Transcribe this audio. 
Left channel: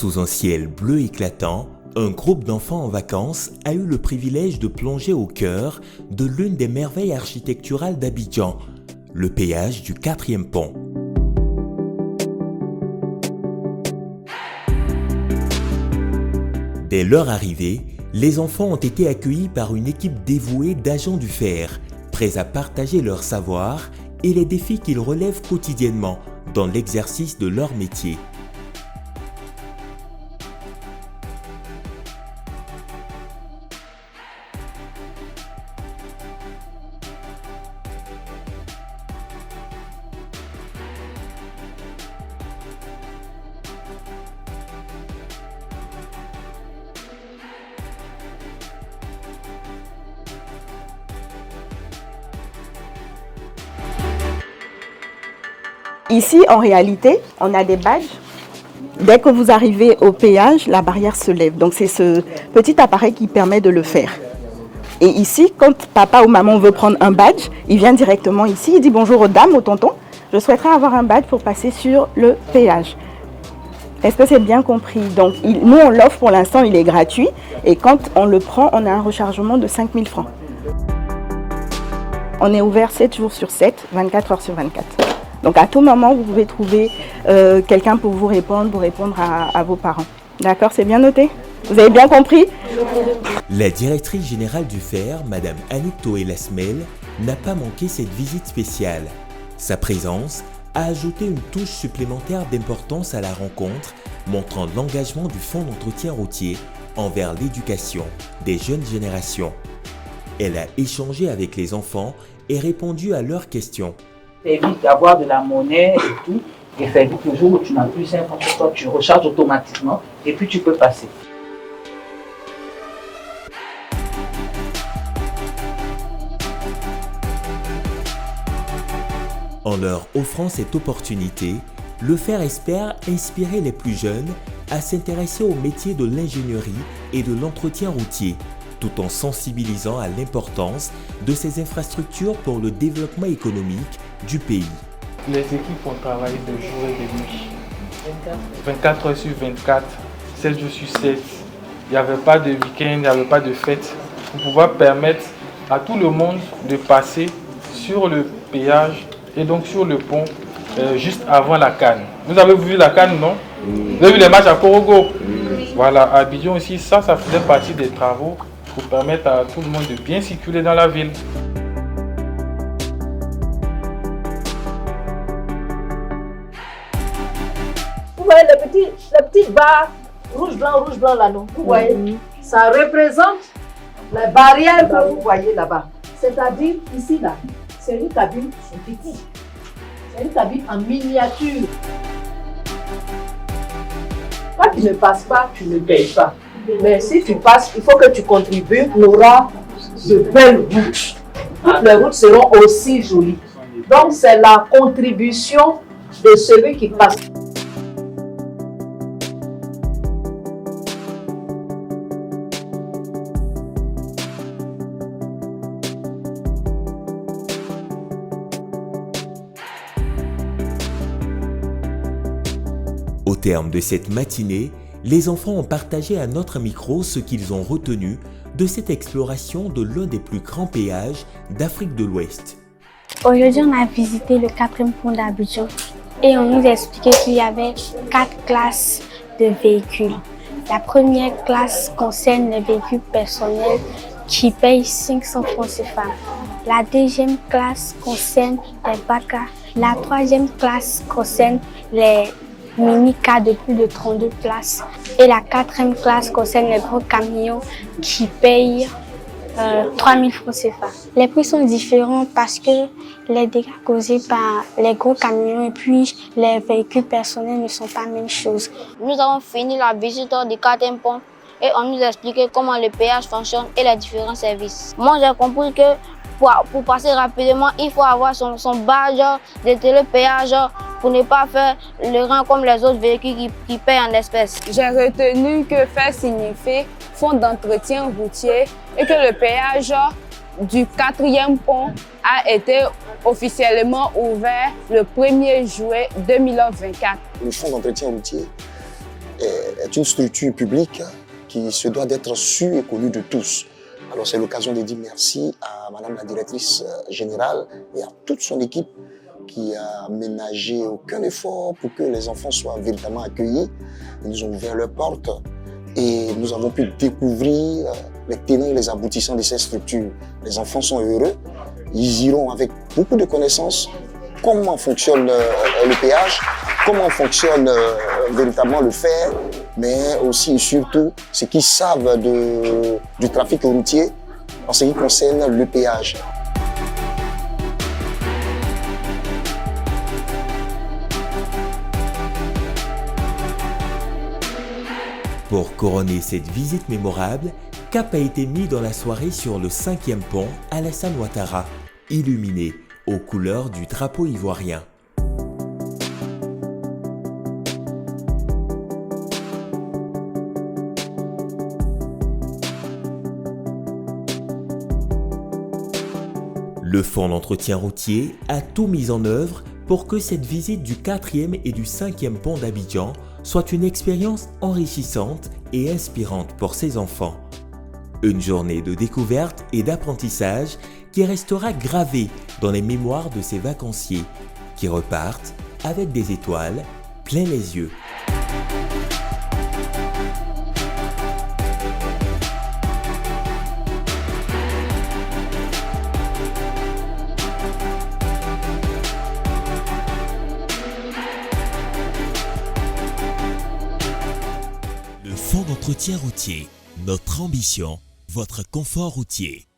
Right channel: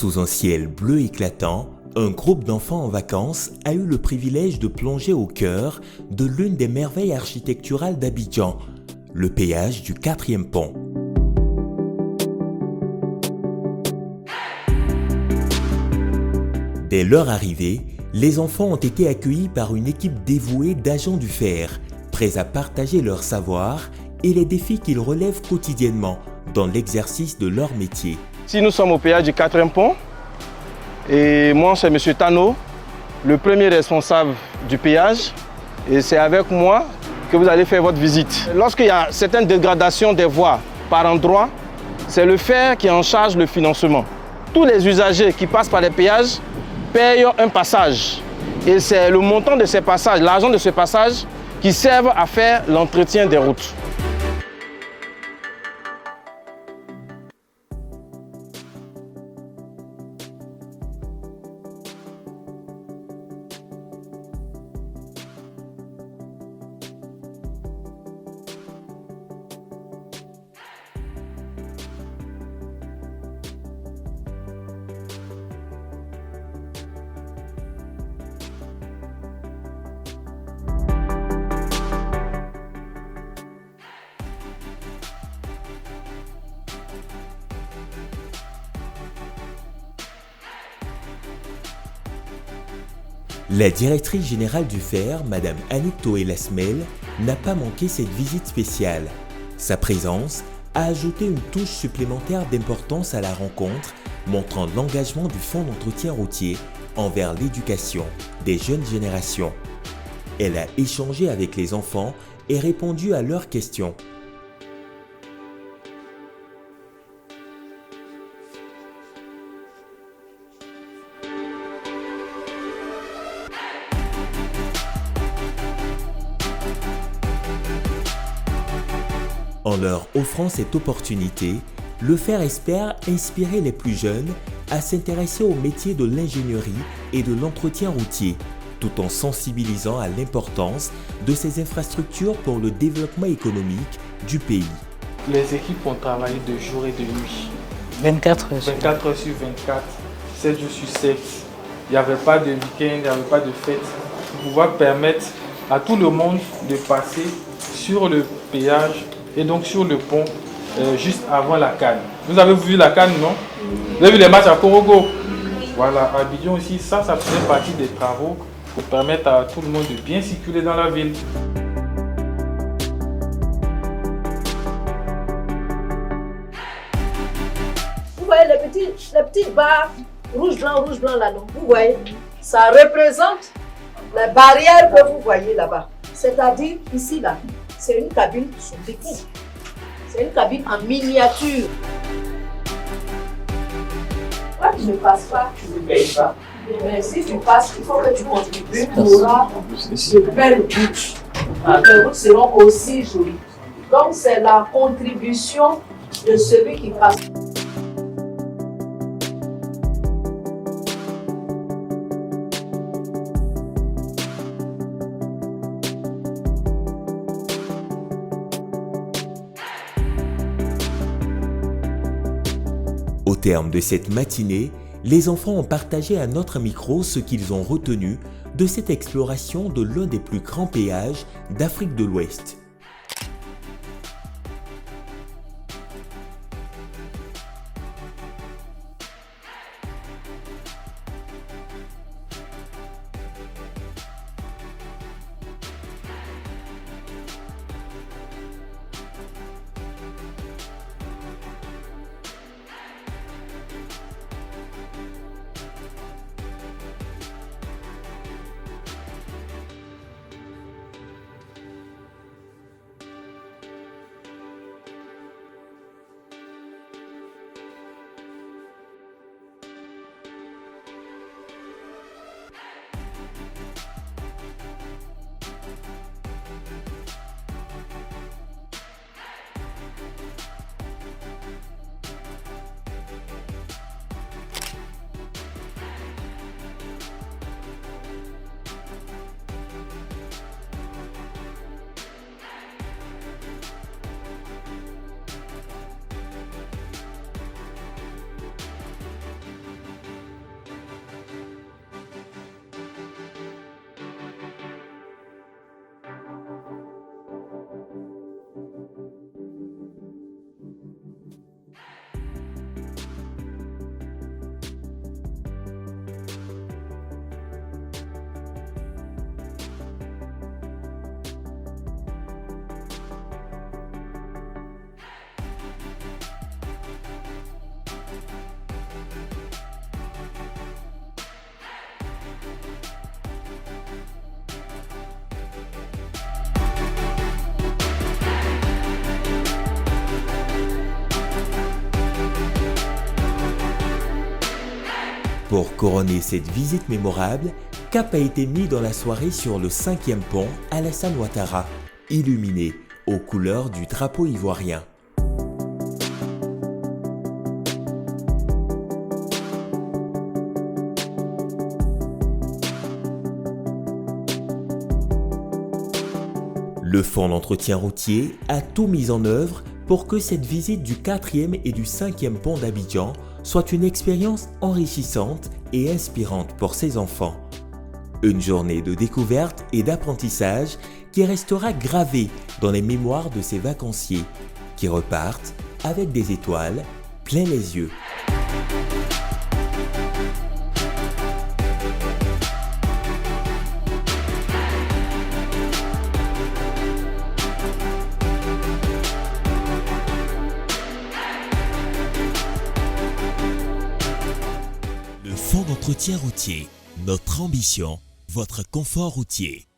Sous un ciel bleu éclatant, un groupe d'enfants en vacances a eu le privilège de plonger au cœur de l'une des merveilles architecturales d'Abidjan, le péage du 4e pont. Dès leur arrivée, les enfants ont été accueillis par une équipe dévouée d'agents du fer, prêts à partager leur savoir et les défis qu'ils relèvent quotidiennement dans l'exercice de leur métier. Si nous sommes au péage du 4e pont, et moi c'est M. Tano, le premier responsable du péage, et c'est avec moi que vous allez faire votre visite. Lorsqu'il y a certaines dégradations des voies par endroit, c'est le fer qui est en charge le financement. Tous les usagers qui passent par les péages payent un passage. Et c'est le montant de ces passages, l'argent de ce passage, qui servent à faire l'entretien des routes. Ici, en réalité, on a des badges. Dès que vous arrivez au péage, la barrière se lève. Donc c'est ce petit appareil qui permet de le faire. Et ici, quand papa ou maman veut prendre un badge, il vient directement ici, il dit bonjour aux dames, aux tontons. Je souhaiterais avoir un badge pour passer sur le péage. Est-ce que c'est bien compris? Donc nous, on l'offre pour l'instant, il est gratuit. Et quand on le prend, on a un rechargement de 5 000 francs. On est ouvert 7 jours sur 7, 24 heures sur 24. Donc à tout moment, vous pouvez trouver quelqu'un pour vous répondre à vos parents. D'accord, c'est bien noté? Vous avez bien compris? La directrice générale du fer, Madame Annick Toé-Lasmel, n'a pas manqué cette visite spéciale. Sa présence a ajouté une touche supplémentaire d'importance à la rencontre, montrant l'engagement du Fonds d'entretien routier envers l'éducation des jeunes générations. Elle a échangé avec les enfants et répondu à leurs questions. Ça évite d'avoir de la monnaie et tout, et ça évite le jour où tu n'as plus 50 fois, tu recharges automatiquement et puis tu peux passer. En leur offrant cette opportunité, le fer espère inspirer les plus jeunes à s'intéresser au métier de l'ingénierie et de l'entretien routier, tout en sensibilisant à l'importance de ces infrastructures pour le développement économique du pays. Les équipes ont travaillé de jour et de nuit. 24 heures sur 24, 7 jours sur 7. Il n'y avait pas de week-end, il n'y avait pas de fête. Pour pouvoir permettre à tout le monde de passer sur le péage et donc sur le pont juste avant la Cannes. Vous avez vu la Cannes, non? Vous avez vu les matchs à Korogo? Voilà, à Abidjan aussi, ça faisait partie des travaux pour permettre à tout le monde de bien circuler dans la ville. Vous voyez les petites barres rouge blanc là, non? Vous voyez, ça représente les barrières que vous voyez là-bas. C'est-à-dire ici là, c'est une cabine sous-petite. C'est une cabine en miniature. Quand tu ne passes pas, tu ne payes pas. Mais si tu passes, il faut que tu contribues. Tu auras de belles routes. Toutes les routes seront aussi jolies. Donc c'est la contribution de celui qui passe. Au terme de cette matinée, les enfants ont partagé à notre micro ce qu'ils ont retenu de cette exploration de l'un des plus grands péages d'Afrique de l'Ouest. Aujourd'hui, on a visité le 4e pont d'Abidjan et on nous a expliqué qu'il y avait 4 classes de véhicules. La première classe concerne les véhicules personnels qui payent 500 francs CFA. La deuxième classe concerne les BACA. La troisième classe concerne les mini-cars de plus de 32 places. Et la 4e classe concerne les gros camions qui payent 3000 francs CFA. Les prix sont différents parce que les dégâts causés par les gros camions et puis les véhicules personnels ne sont pas la même chose. Nous avons fini la visite du 4e pont et on nous a expliqué comment le péage fonctionne et les différents services. Moi, j'ai compris que pour passer rapidement, il faut avoir son badge de télépéage pour ne pas faire le rang comme les autres véhicules qui payent en espèces. J'ai retenu que FER signifie Fonds d'entretien routier et que le péage du 4e pont a été officiellement ouvert le 1er juillet 2024. Le Fonds d'entretien routier est une structure publique qui se doit d'être sûre et connue de tous. Alors c'est l'occasion de dire merci à Madame la directrice générale et à toute son équipe qui a ménagé aucun effort pour que les enfants soient véritablement accueillis. Ils nous ont ouvert leurs portes et nous avons pu découvrir les tenants et les aboutissants de ces structures. Les enfants sont heureux, ils iront avec beaucoup de connaissances comment fonctionne le péage, comment fonctionne véritablement le fer, mais aussi et surtout ce qu'ils savent du trafic routier en ce qui concerne le péage. Pour couronner cette visite mémorable, cap a été mis dans la soirée sur le 5e pont Alassane Ouattara, illuminé aux couleurs du drapeau ivoirien. Le fonds d'entretien routier a tout mis en œuvre pour que cette visite du 4e et du 5e pont d'Abidjan soit une expérience enrichissante et inspirante pour ses enfants. Une journée de découverte et d'apprentissage qui restera gravée dans les mémoires de ces vacanciers qui repartent avec des étoiles plein les yeux. Le fonds d'entretien routier, notre ambition, votre confort routier.